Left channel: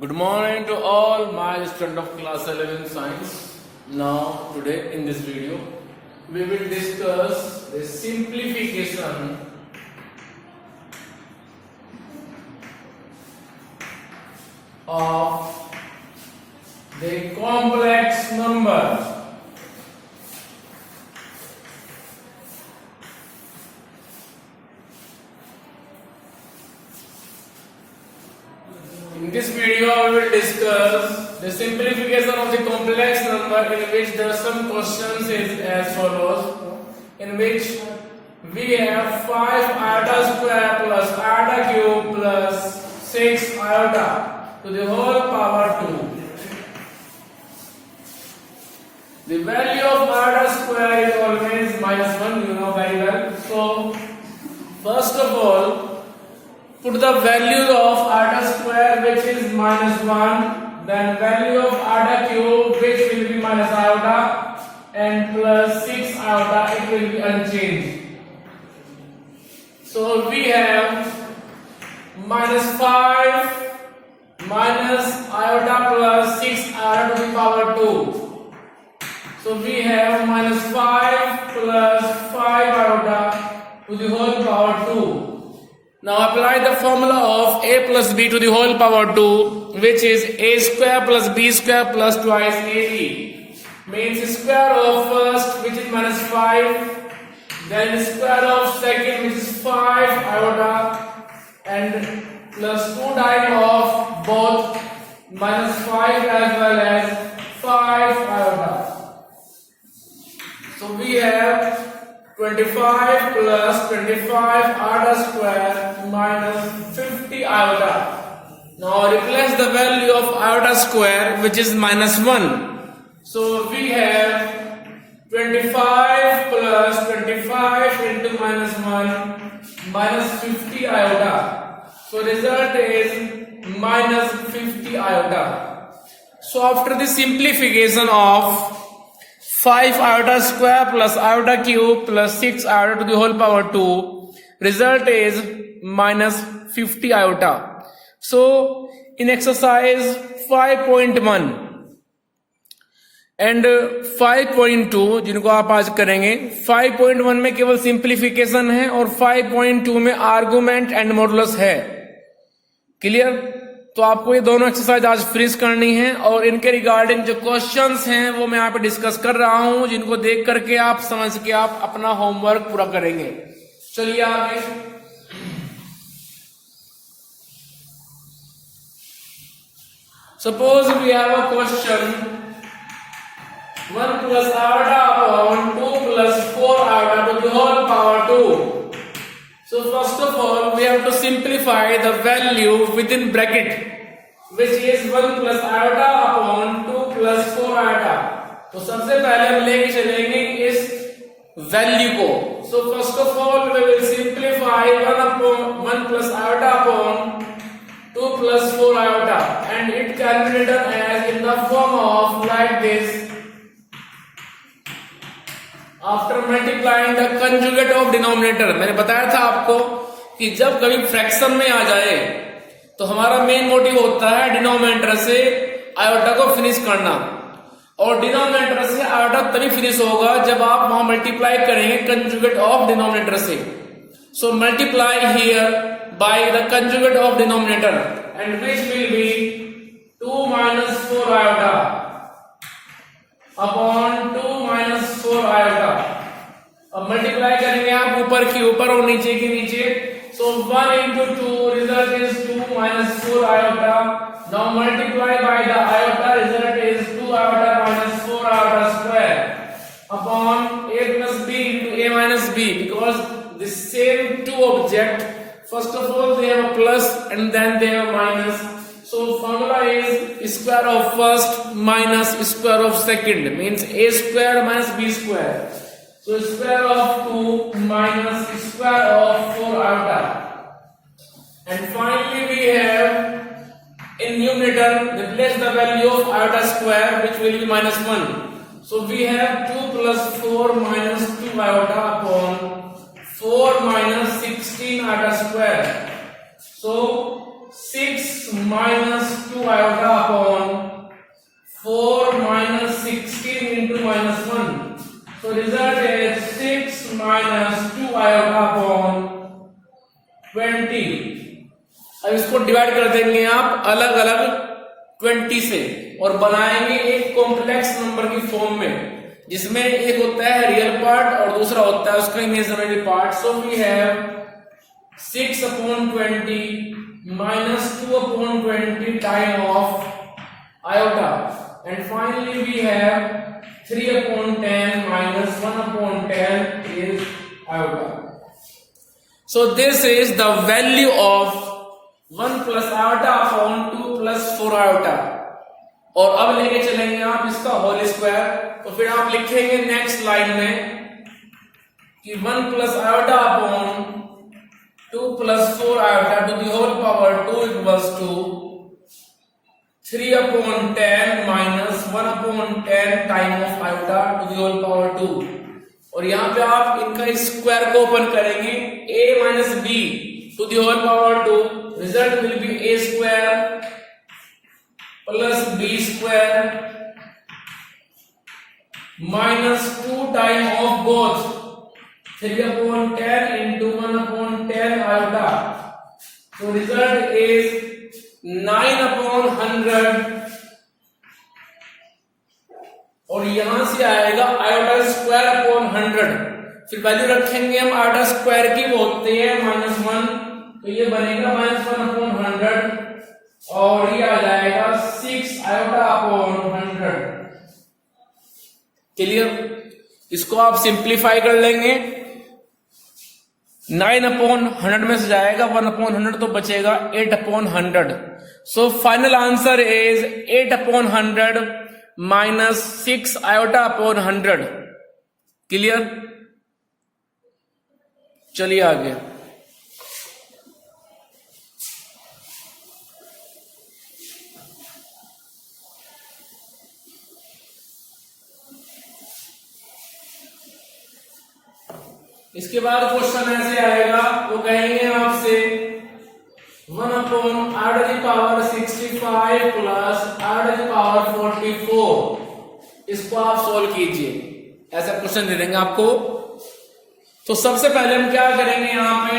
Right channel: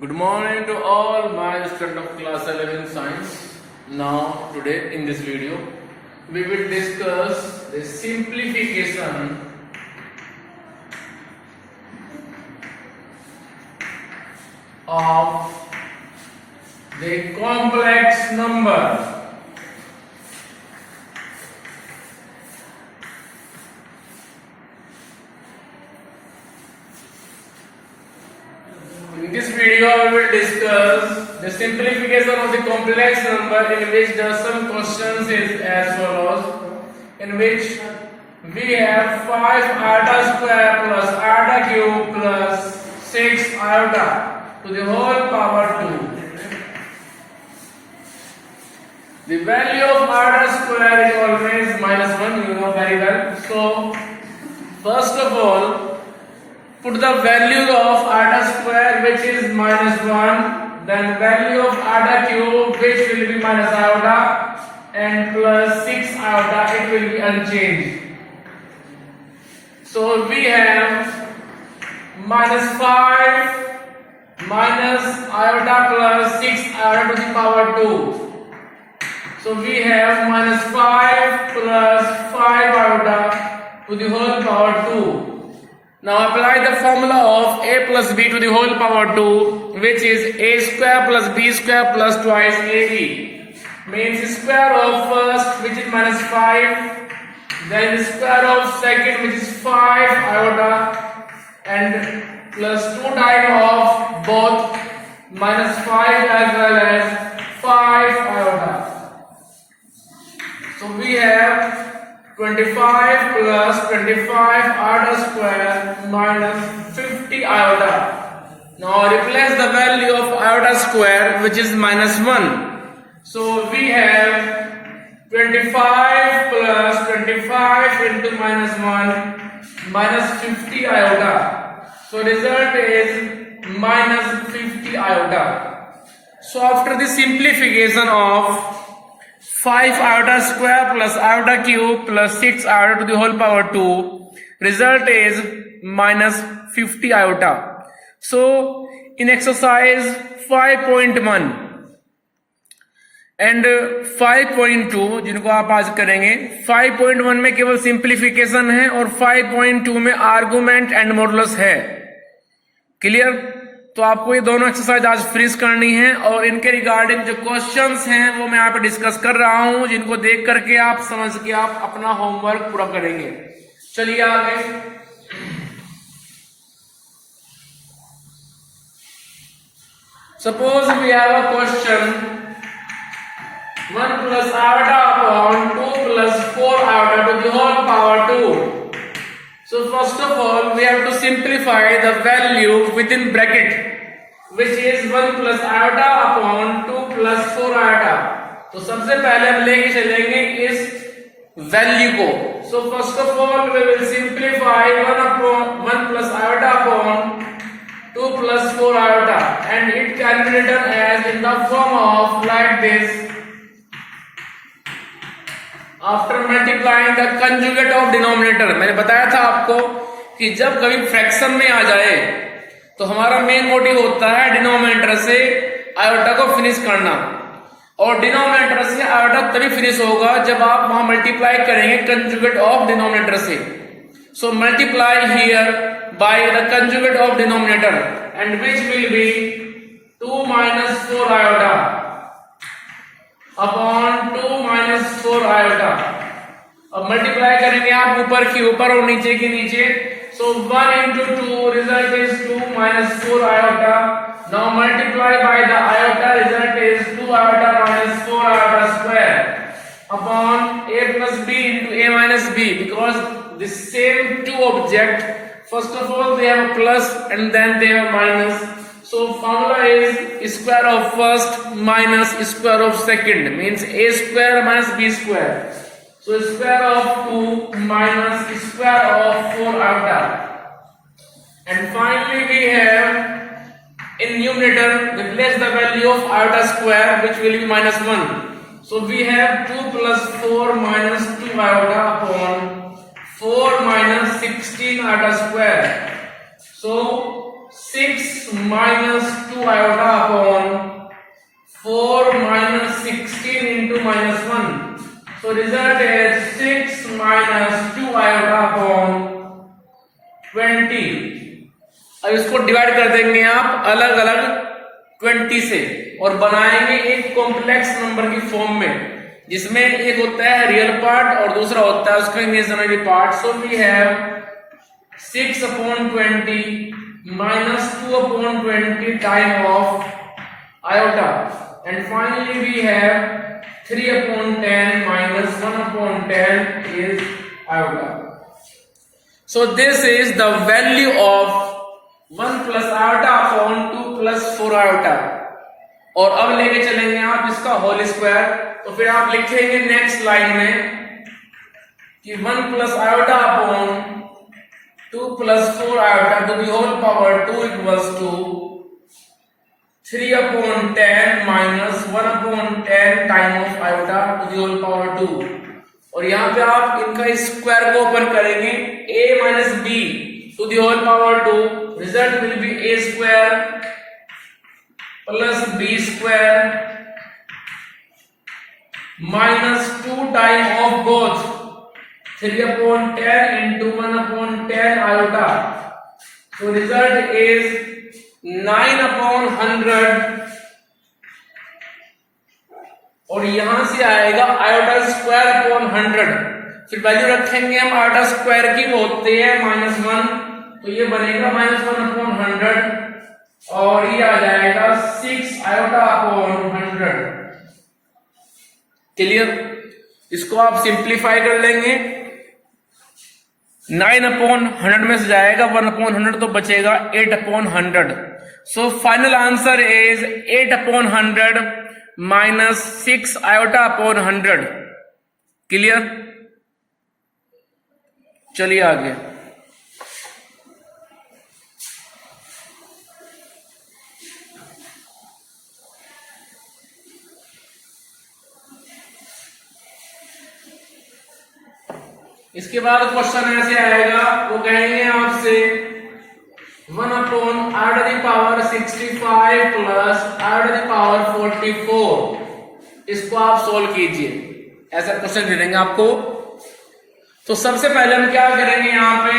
Good morning to all my students of class 11 science. Now today in this video we will discuss the simplification of the complex number. In this video, we will discuss the simplification of the complex number, in which there are some questions is as follows, in which we have 5 iota square plus iota cube plus 6 iota to the whole power 2. The value of iota square is always minus 1, you know very well. So, first of all, put the value of iota square, which is minus 1, then value of iota cube, which will be minus iota, and plus 6 iota, it will be unchanged. So we have minus 5 minus iota plus 6 iota to the power 2. So we have minus 5 plus 5 iota to the whole power 2. Now apply the formula of a plus b to the whole power 2, which is a square plus b square plus twice ab. Means square of first, which is minus 5, then square of second, which is 5 iota, and plus 2 times of both minus 5 as well as 5 iota. So we have 25 plus 25 iota square minus 50 iota. Now replace the value of iota square, which is minus 1. So we have 25 plus 25 into minus 1 minus 50 iota. So result is minus 50 iota. So after the simplification of 5 iota square plus iota cube plus 6 iota to the whole power 2, result is minus 50 iota. So in exercise 5.1 and 5.2 जिनको आप आज करेंगे, 5.1 में केवल simplification है और 5.2 में argument and modulus है. क्लियर? तो आपको ये दोनों एक्सरसाइज आज फ्रीज करनी है और इनके रिगार्डिंग जो क्वेश्चंस हैं वो मैं यहाँ पे डिस्कस कर रहा हूं, जिनको देख करके आप समझ के आप अपना होमवर्क पूरा करेंगे. चलिए आगे. Suppose we have a question 1 plus iota upon 2 plus 4 iota to the whole power 2. So first of all, we have to simplify the value within bracket, which is 1 plus iota upon 2 plus 4 iota. तो सबसे पहले हम लेके चलेंगे इस value को. So first of all, we will simplify 1 plus iota upon 2 plus 4 iota, and it can be written as in the form of like this. After multiplying the conjugate of denominator, मैंने बताया था आपको कि जब कभी fraction में आ जाए तो हमारा मेन मोटिव होता है डिनोमिनेटर से आयोटा को फिनिश करना, और डिनोमिनेटर से आयोटा तभी फिनिश होगा जब आप वहां मल्टीप्लाई करेंगे कंजुगेट ऑफ डिनोमिनेटर से. So multiply here by the conjugate of denominator, and which will be 2 minus 4 iota upon 2 minus 4 iota. अब मल्टीप्लाई करेंगे आप ऊपर की ऊपर और नीचे की नीचे. सो 1 into 2 result is 2 minus 4 iota. Now multiply by the iota, result is 2 iota minus 4 iota square upon a plus b into a minus b, because the same two object, first of all they have a plus and then they have a minus. So formula is square of first minus square of second, means a square minus b square. So square of 2 minus square of 4 iota. And finally we have in numerator replace the value of iota square, which will be minus 1. So we have 2 plus 4 minus 2 iota upon 4 minus 16 iota square. So 6 minus 2 iota upon 4 minus 16 into minus 1. So result is 6 minus 2 iota upon 20. अब इसको divide कर देंगे आप अलग अलग 20 से और बनाएंगे एक कॉम्प्लेक्स नंबर की फॉर्म में, जिसमें एक होता है रियल पार्ट और दूसरा होता है उसका imaginary part. So we have 6 upon 20 minus 2 upon 20 time of iota, and finally we have 3 upon 10 minus 1 upon 10 is iota. So this is the value of 1 plus iota upon 2 plus 4 iota. और अब लेके चलेंगे आप इसका whole square. तो फिर आप लिखेंगे नेक्स्ट लाइन में कि 1 plus iota upon 2 plus 4 iota to the whole power 2 equals to 3 upon 10 minus 1 upon 10 time of iota to the whole power 2. और यहां पे आप इनका स्क्वायर को ओपन करेंगे a minus b to the whole power 2. Result will be a square plus b square minus 2 time of both 3 upon 10 into 1 upon 10 iota. So result is 9 upon 100. और यहां से आएगा आयोटा स्क्वायर अपॉन 100. फिर value रखेंगे हम iota square की, वो होते हैं -1, तो ये बनेगा -1 अपॉन 100 और ये आ जाएगा 6 आयोटा अपॉन 100. क्लियर? इसको आप सिंप्लीफाई कर लेंगे. 9 अपॉन 100 में से जाएगा 1 अपॉन 100 तो बचेगा 8 upon 100. So final answer is 8 upon 100 minus 6 iota upon 100. Clear? चलिए आगे. इसके बाद क्वेश्चन ऐसे आएगा, वो कहेंगे आपसे 1 upon r to the power 65 plus r to the power 44. इसको आप सोल्व कीजिए. ऐसा क्वेश्चन दे देंगे आपको. तो सबसे पहले हम क्या करेंगे, यहां पे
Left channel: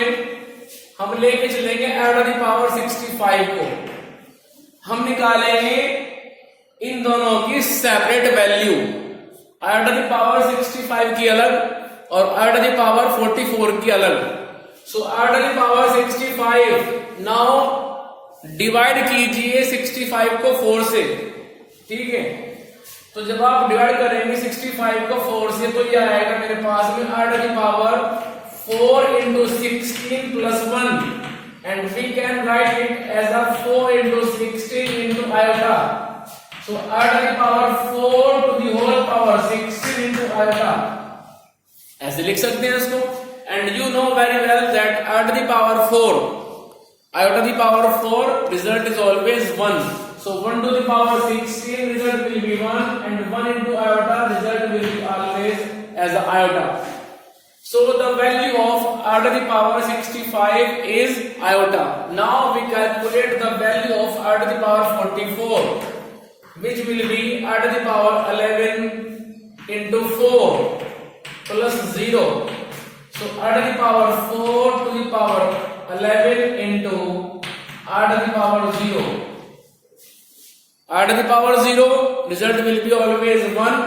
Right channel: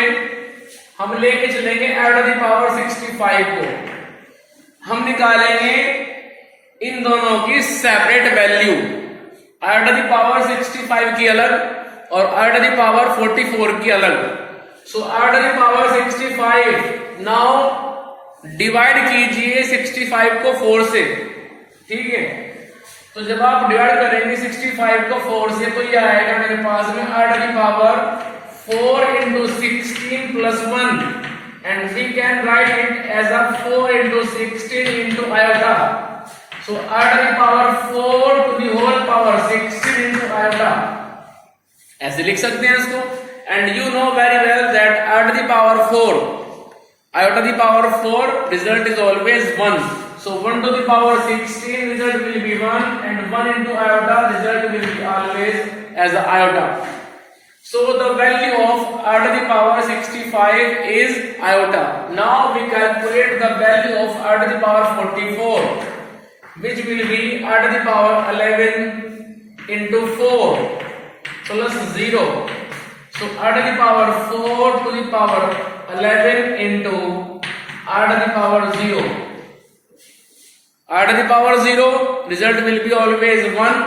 हम लेके चलेंगे r to the power 65 को. हम निकालेंगे इन दोनों की separate value. r to the power 65 की अलग और r to the power 44 की अलग. सो r to the power 65 now divide कीजिए 65 को 4 से. ठीक है? तो जब आप डिवाइड करेंगे 65 को 4 से तो ये आएगा मेरे पास में r to the power 4 into 16 plus 1, and we can write it as a 4 into 16 into iota. So r to the power 4 to the whole power 16 into iota. ऐसे लिख सकते हैं इसको. And you know very well that r to the power 4 iota to the power 4 result is always 1. So 1 to the power 16 result will be 1, and 1 into iota result will be always as a iota. So the value of r to the power 65 is iota. Now we calculate the value of r to the power 44, which will be r to the power 11 into 4 plus 0. So r to the power 4 to the power 11 into r to the power 0. R to the power 0 result will be always 1.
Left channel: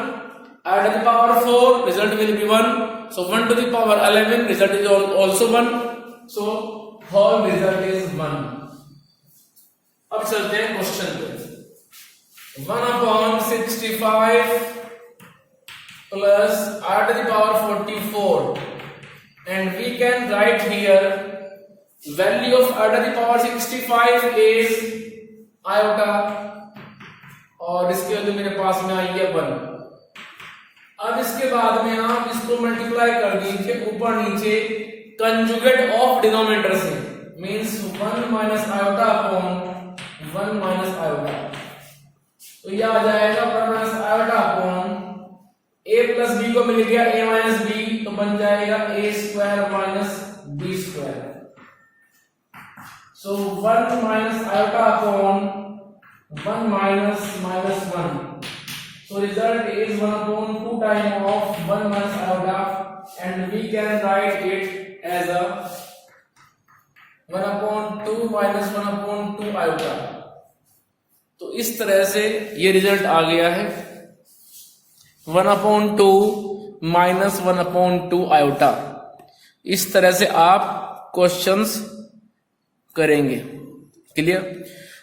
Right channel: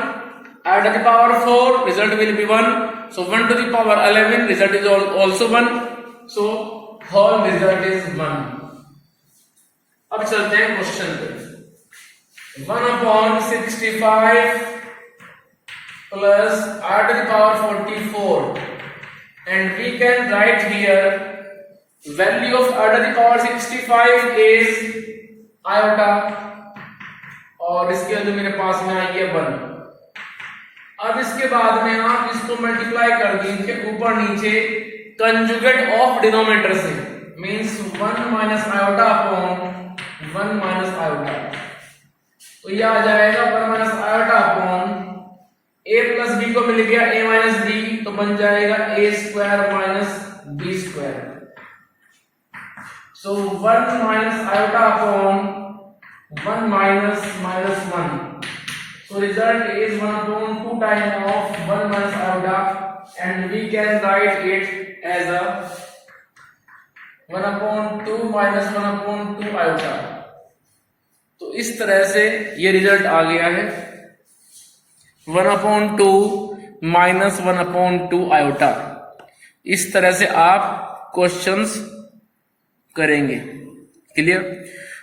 R to the power 4 result will be 1. So 1 to the power 11 result is also 1. So whole result is 1. अब चलते हैं question पे. 1 upon 65 plus r to the power 44, and we can write here value of r to the power 65 is iota, और इसके अंदर मेरे पास में आई है 1. अब इसके बाद में आप इसको मल्टीप्लाई कर दीजिए ऊपर नीचे कंजुगेट ऑफ डिनोमिनेटर से, means 1 minus iota upon 1 minus iota. तो ये आ जाएगा 1 minus iota upon a plus b को मिल गया a माइनस b, तो बन जाएगा a square minus b square. So 1 minus iota upon 1 minus minus 1. So result is 1 upon 2 times of 1 minus iota, and we can write it as a 1 upon 2 minus 1 upon 2 iota. तो इस तरह से ये result आ गया है 1 upon 2 minus 1 upon 2 iota. इस तरह से आप क्वेश्चंस करेंगे. क्लियर?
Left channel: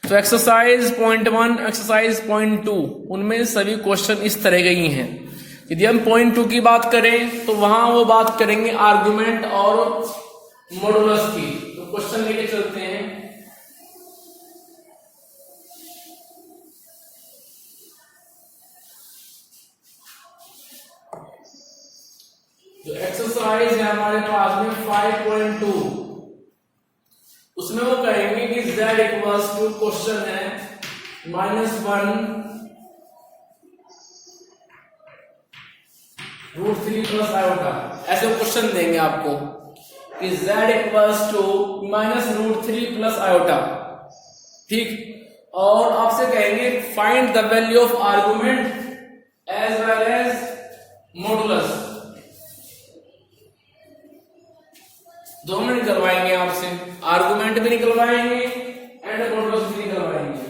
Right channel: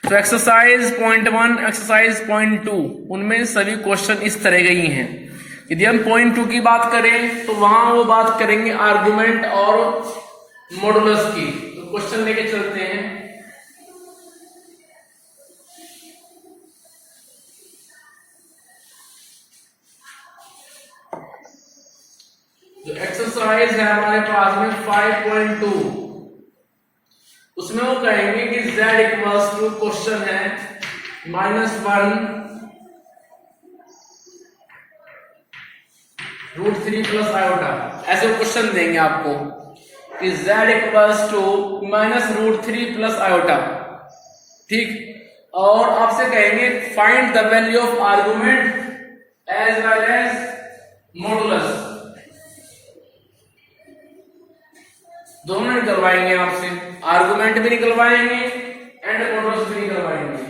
तो एक्सरसाइज 0.1, एक्सरसाइज 0.2 उनमें सभी क्वेश्चन इस तरह के ही हैं. यदि हम 0.2 की बात करें तो वहां वो बात करेंगे आर्गुमेंट और मॉडुलस की. तो क्वेश्चन लेके चलते हैं. जो एक्सरसाइज है हमारे पास में 5.2, उसमें वो कहेंगे कि z इक्वल्स टू क्वेश्चन है -1 √3 प्लस आयोटा. ऐसे क्वेश्चन देंगे आपको कि z equals to -√3 plus iota. ठीक. और आपसे कहेंगे find the value of argument as well as modulus. दोनों निकलवाएंगे आपसे, आर्गुमेंट भी निकलवाएंगे एंड मॉडुलस भी निकलवाएंगे.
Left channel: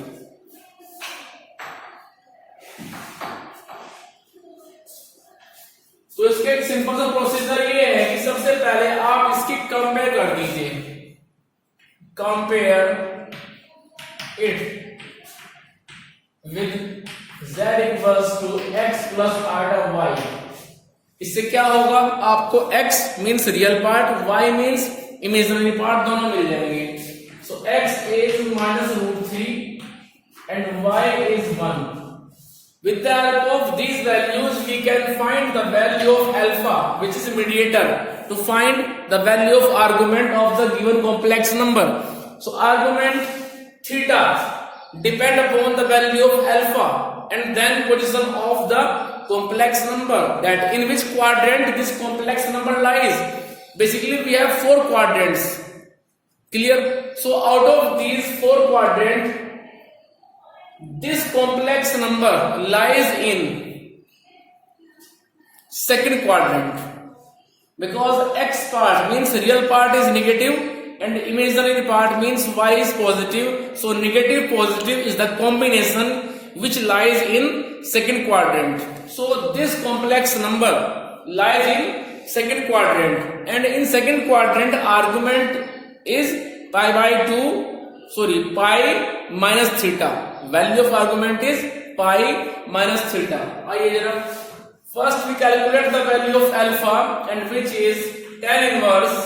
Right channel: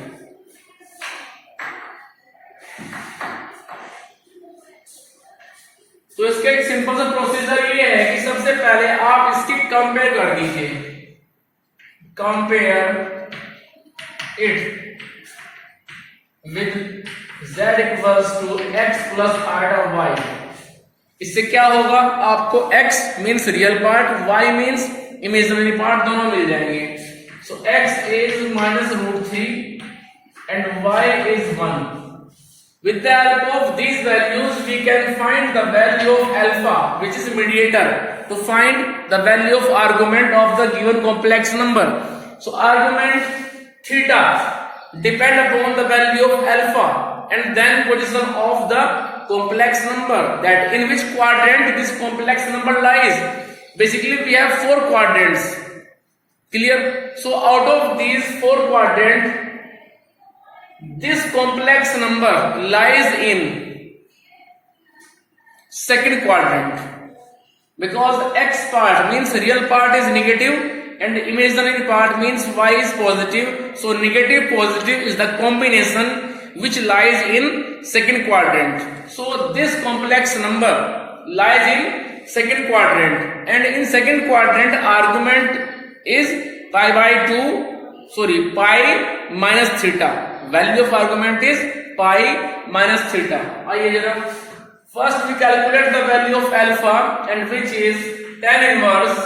तो इसका एक सिंपल सा प्रोसीजर ये है कि सबसे पहले आप इसकी कंपेयर कर दीजिए. Compare it with z equals to x plus iota y. इससे क्या होगा, आपको x means real part, y means imaginary part दोनों मिल जाएंगे. So x is -√3 and y is 1. With the help of these values we can find the value of alpha, which is mediator, to find the value of argument of the given complex number. So argument theta depend upon the value of alpha and then position of the complex number, that in which quadrant this complex number lies. Basically we have 4 quadrants. Clear? So out of these 4 quadrants, this complex number lies in second quadrant, because x part means real part is negative and imaginary part means y is positive. So negative positive is the combination which lies in second quadrant. So this complex number lies in second quadrant, and in second quadrant argument is pi minus theta. Value of argument is pi minus theta. आइए जरा, first we calculate the value of alpha, and which is tan inverse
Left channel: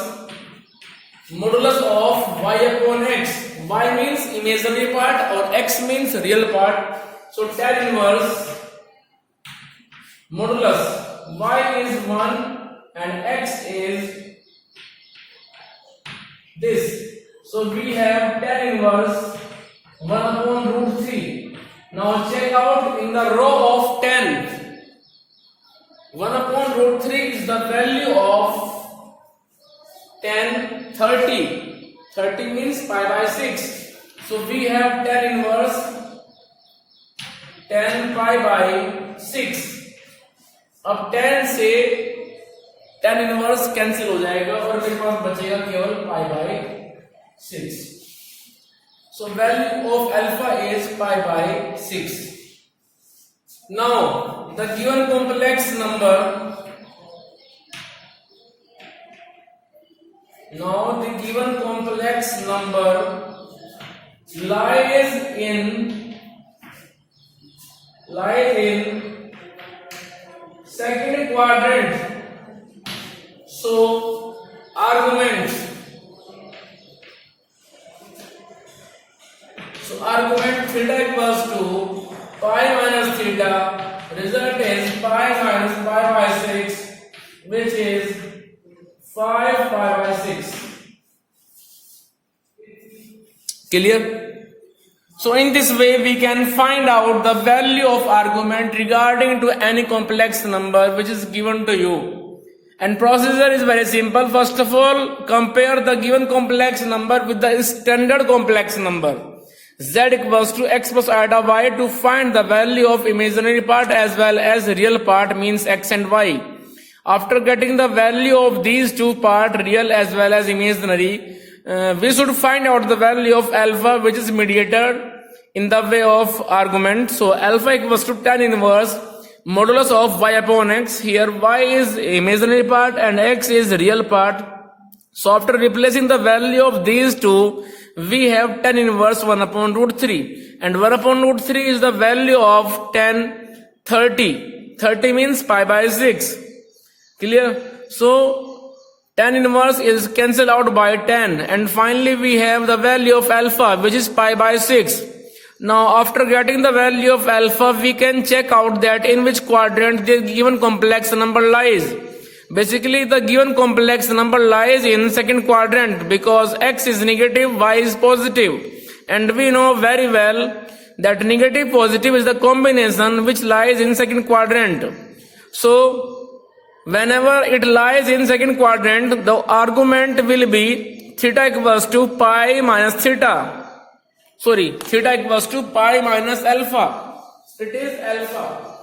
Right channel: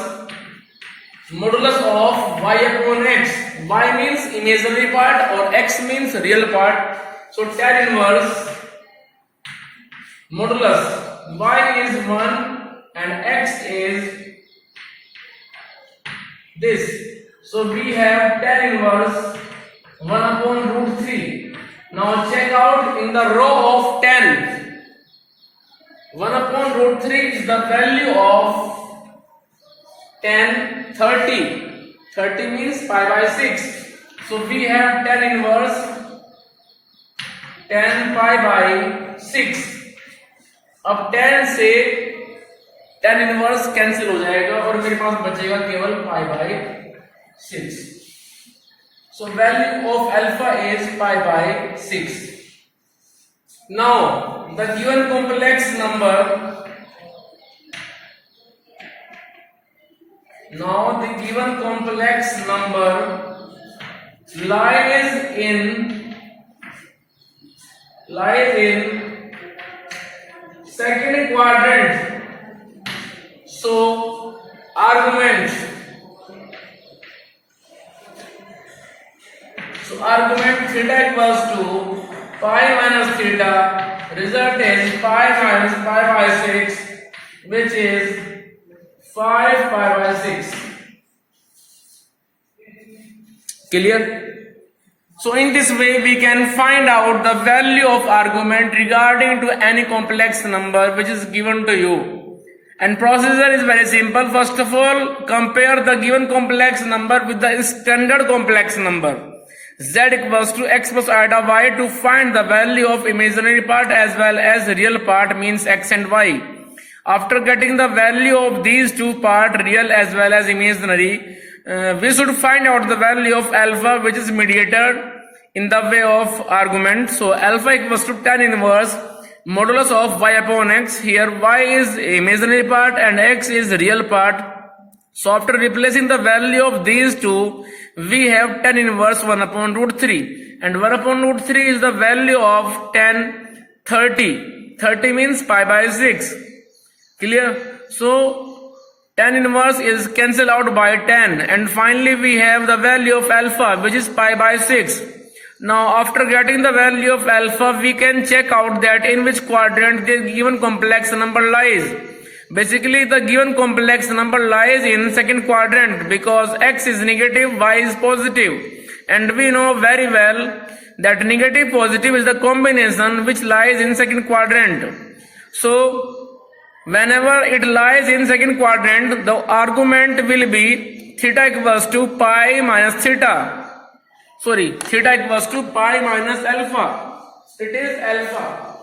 modulus of y upon x. Y means imaginary part or x means real part. So tan inverse modulus y is 1 and x is this. So we have tan inverse 1 upon √3. Now check out in the row of 10. 1 upon √3 is the value of 10. 30. 30 means pi by 6. So we have tan inverse 10 pi by 6. अब 10 से tan inverse cancel हो जाएगा और मेरे पास बचेगा केवल pi by 6. So value of alpha is pi by 6. Now the given complex number, lies in second quadrant. So argument theta equals to pi minus theta. Result is pi minus pi by 6, which is 5 pi by 6. Clear? So in this way we can find out the value of argument regarding to any complex number which is given to you, And procedure is very simple. First of all, compare the given complex number with the standard complex number. Z equals to x plus iota y to find the value of imaginary part as well as real part, means x and y. After getting the value of these two part, real as well as imaginary, we should find out the value of alpha, which is mediator in the way of argument. So alpha equals to tan inverse modulus of y upon x. Here y is imaginary part and x is real part. So after replacing the value of these two, we have tan inverse 1 upon root 3. And 1 upon root 3 is the value of tan 30. 30 means pi by 6. Clear? So tan inverse is cancelled out by tan. And finally we have the value of alpha, which is pi by 6. Now after getting the value of alpha, we can check out that in which quadrant the given complex number lies. Basically the given complex number lies in second quadrant because x is negative, y is positive. And we know very well that negative positive is the combination which lies in second quadrant. So whenever it lies in second quadrant, the argument will be theta equals to pi minus theta. Theta equals to pi minus alpha. It is alpha.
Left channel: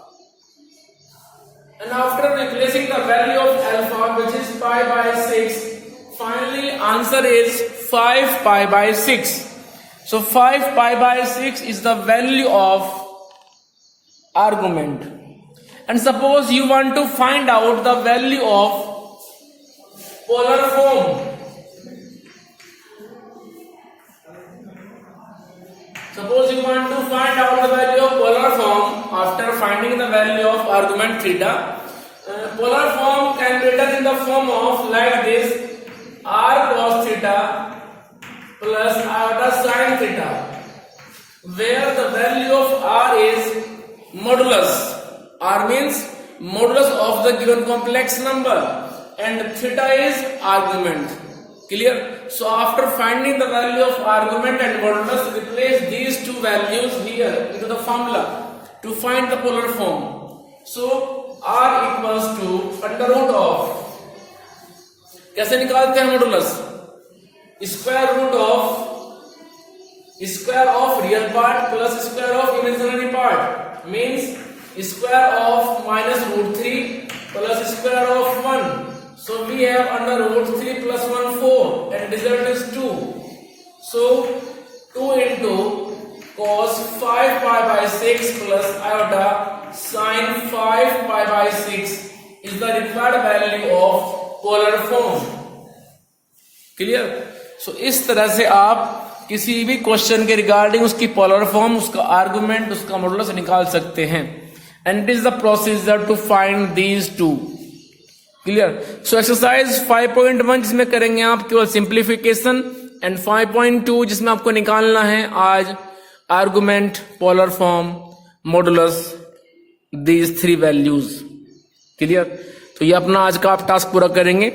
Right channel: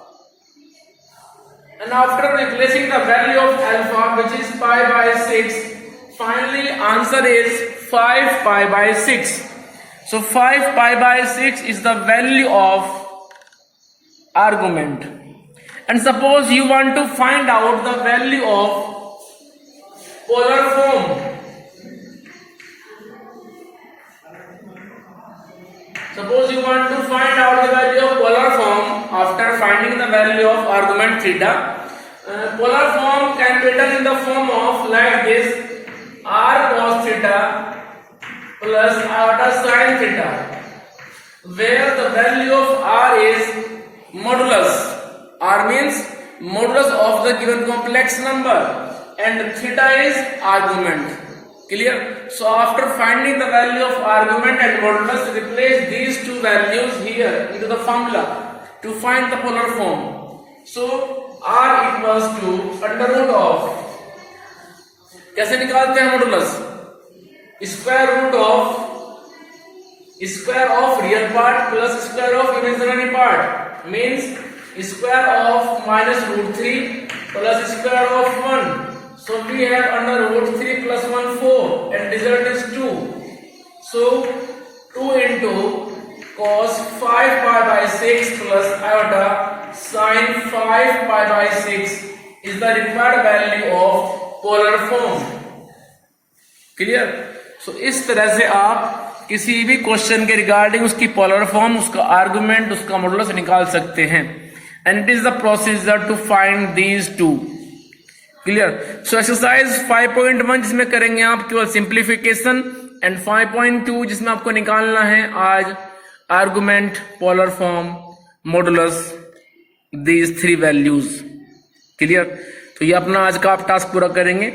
And after replacing the value of alpha, which is pi by 6, finally answer is 5 pi by 6. So 5 pi by 6 is the value of argument. And suppose you want to find out the value of polar form. Suppose you want to find out the value of polar form after finding the value of argument theta. Polar form can be written in the form of like this: r cos theta plus iota sin theta, where the value of r is modulus. R means modulus of the given complex number and theta is argument. Clear? So after finding the value of argument and modulus, replace these two values here into the formula to find the polar form. So r equals to under root of, कैसे निकालते हैं modulus? Square root of real part plus square of imaginary part, means square of minus root 3 plus square of 1. So we have under root 3 plus 1 4 and result is 2. So 2 into cos 5 pi by 6 plus iota sin 5 pi by 6 is the required value of polar form. Clear? So इस तरह से आप किसी भी question के regarding उसकी polar form, उसका argument, उसका मॉडुलस निकाल सकते हैं. And it is the procedure to find these two. Clear? So exercise 5.1 जिसमें करेंगे आप केवल सिंप्लीफिकेशन, एंड 5.2 जिसमें आपको निकालना है आज argument, polar form, modulus, these 3 values. Clear? तो ये अपना आज का आप टास्क पूरा करेंगे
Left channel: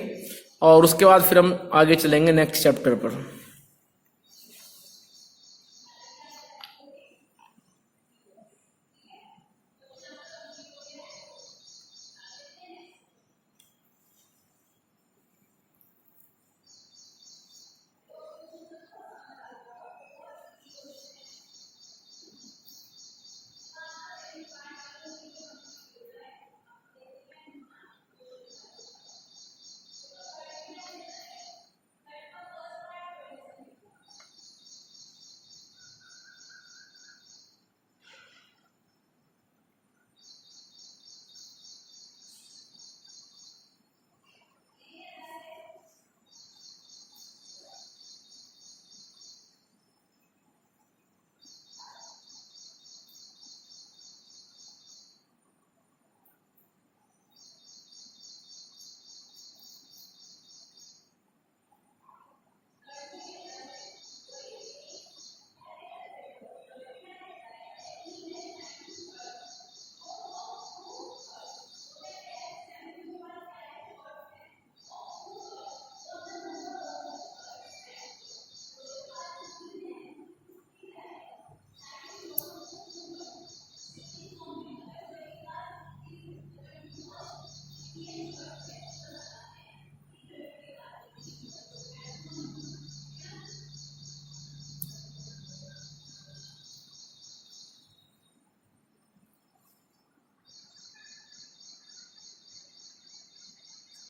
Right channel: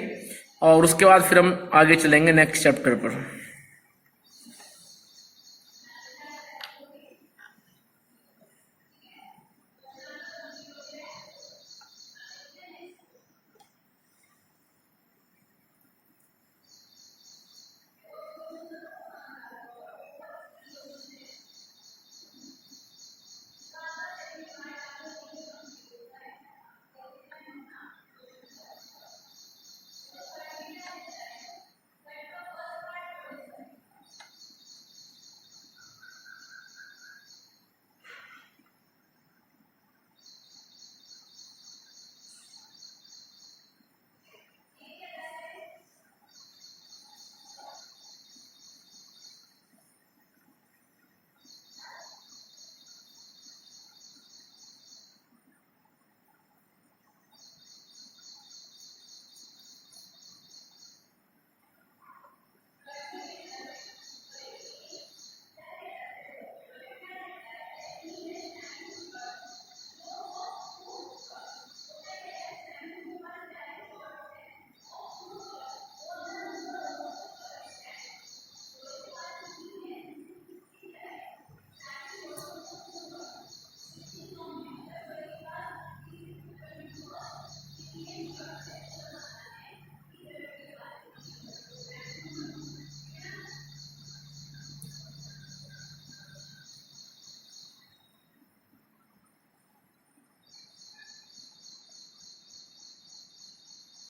और उसके बाद फिर हम आगे चलेंगे नेक्स्ट चैप्टर पर.